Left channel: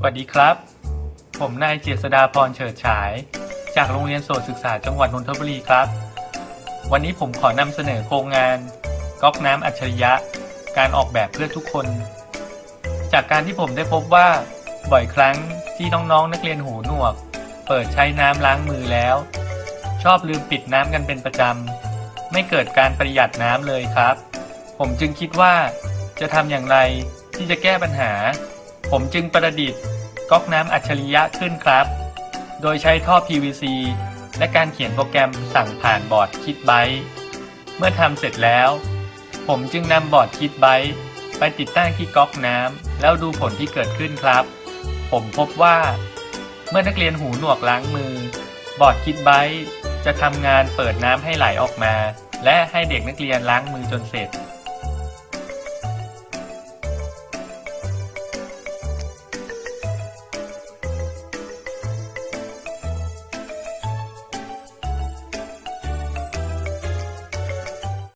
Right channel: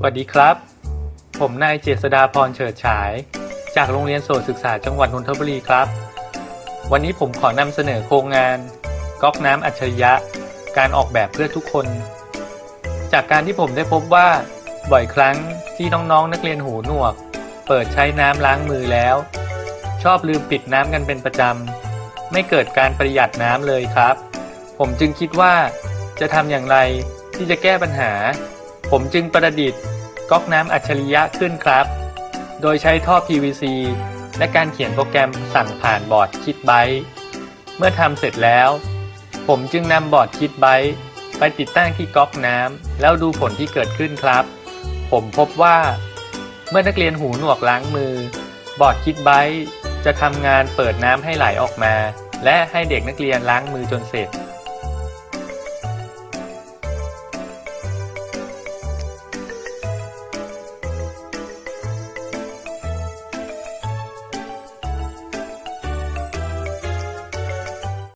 สวัสดีครับ ผมนายเจษดาพรเฉิดฉาย จากโรงเรียนโสตศึกษาจังหวัดนนทบุรีครับ วันนี้ผมขอนำเสนอโครงงานก๊อกน้ำอัจฉริยะ การออกแบบเพื่อทุกคน จากการที่ผมได้พบว่า บ่อยครั้งที่น้องๆนักเรียนหูหนวก เปิดใช้น้ำล้างมือแล้ว ชอบลืมปิดน้ำกันเป็นประจำ ไม่เกิดการประหยัดน้ำเลยครับ ผมจึงคิดว่าจะทำอย่างไรที่จะแก้ปัญหา ผมจึงประดิษฐ์ก๊อกน้ำอัจฉริยะขึ้นครับ โดยใช้ท่อ PVC และการเขียนโปรแกรมสั่งผ่านบอร์ดคิดไบเมื่อทำเสร็จแล้ว ผมจึงนำบอร์ดคิดไบไปติดตั้งที่ก๊อกน้ำแล้วดูผลที่เกิดขึ้นครับ ผมพบว่า เมื่อนักเรียนหูหนวกล้างมือ บอร์ดคิดไบจะทำงานเปิดน้ำให้ไหลออกมา และให้เด็กนักเรียนล้างมือจนเสร็จ